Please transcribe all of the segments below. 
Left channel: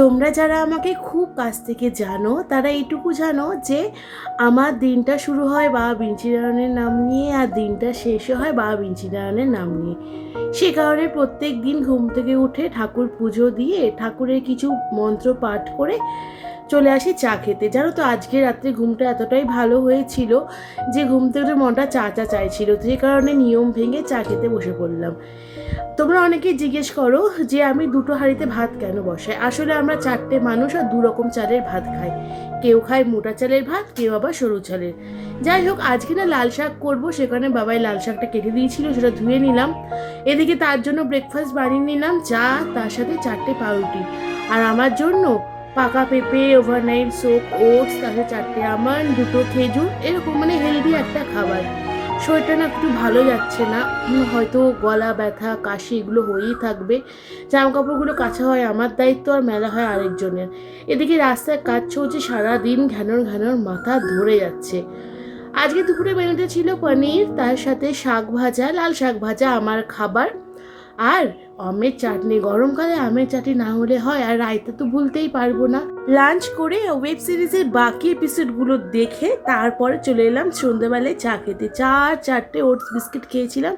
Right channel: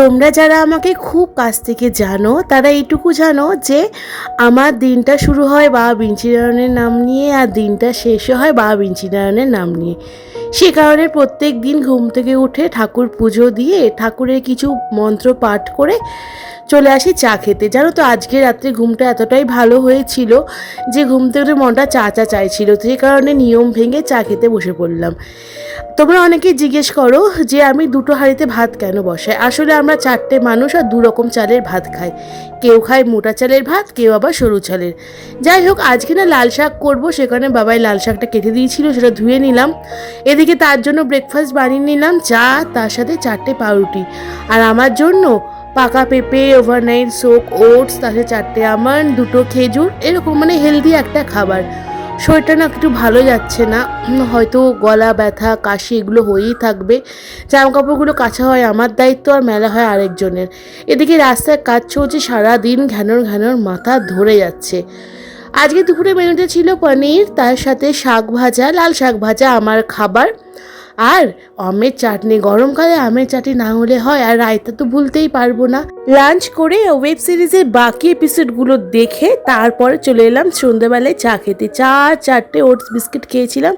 তোমরা যারা আমাকে খুব কাছ থেকে জানো তারা এইটুকু জানো যে আমার দিনটা শুরু হয় বাবা বিঞ্চিনারায়ণের নাম নিয়ে আর দিনটা শেষও হয় বাবা বিঞ্চিনারায়ণের নাম নিয়ে। সে কারণে প্রত্যেক দিন ঘুম থেকে উঠে ঠাকুর পুজো দিয়ে ঠাকুরের কিছু মন্ত্র পাঠ করে চলে আসি চা খেতে। জানো তো আজকে রাত্রে ঘুমটা এতটাই ভালো হয়েছিল যে ঘুম থেকে উঠে মনটা চা চা চাইছিল, সেই কারণে নিয়ম ভেঙে চা খেতে বসে পড়লাম। তোমরা অনেকেই জিজ্ঞেস করো যে আমি দুটো হাঁড়িতে ভাত কেন বসাই। আসলে আমরা চারটে মানুষ আর দু রকম চালের ভাত খাই। কেউ খায় মোটা চালের ভাত, কেউ আবার সরু চালের। যাই হোক, আজকে না লাল শাক করবো, সেখানে বাবাই লাল শাকটা কেটে দিয়েছিল, সেটা ধুয়ে নিলাম। এদিকে তার জন্য ব্রেকফাস্ট বানিয়ে নিলাম, চা, তার সাথে 4টে পাউরুটি। আর আমার জন্য পাকা পেঁপে, ওভারনাইট সোক ওটস, তার সাথে 4টে আমন্ড, 2টো খেজুর, এরকম মানে হেলদি একটা খাবার। শরীরটা না একটু ভালো যাচ্ছে না, হয়তো গলা ব্যথা কাশি এগুলো হয়েই থাকবে। জামা কাপড়গুলো কাচা হয় আমার দায়িত্ব আর মেলা হয় আরেকজনের। এদিকে রাস্তায় কাজ চলছে সারাদিন, ঘ্যানর ঘ্যানর মাথা ধরে যাচ্ছে। আজকে দুপুরে মেনুতে ছিল পনির, তার সাথে শাক ভাজা, লাল শাক ভাজা আমার খাবার, আর আমের চাটনি। গরমকালে আমের চাটনি না হলে হয়, আর রায়তা তো ভুলতেই পারবো না। লাঞ্চ করে ওয়েব সিরিজের বাকি এপিসোডগুলো দেখে তারপরে চলে এলাম সন্ধ্যেবেলায় চা খেতে। 4টে ওটস বিস্কিট খেয়েছিলাম,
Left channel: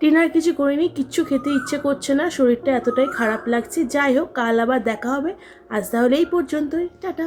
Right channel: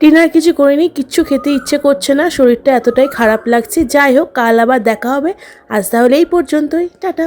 ডিনার কিছু করিনি, কিচ্ছু খেতে ইচ্ছে করছে না, শরীরটা এতটাই খারাপ লাগছে। যাই হোক, কাল আবার দেখা হবে। আজ তাহলে এই পর্যন্তই, টাটা।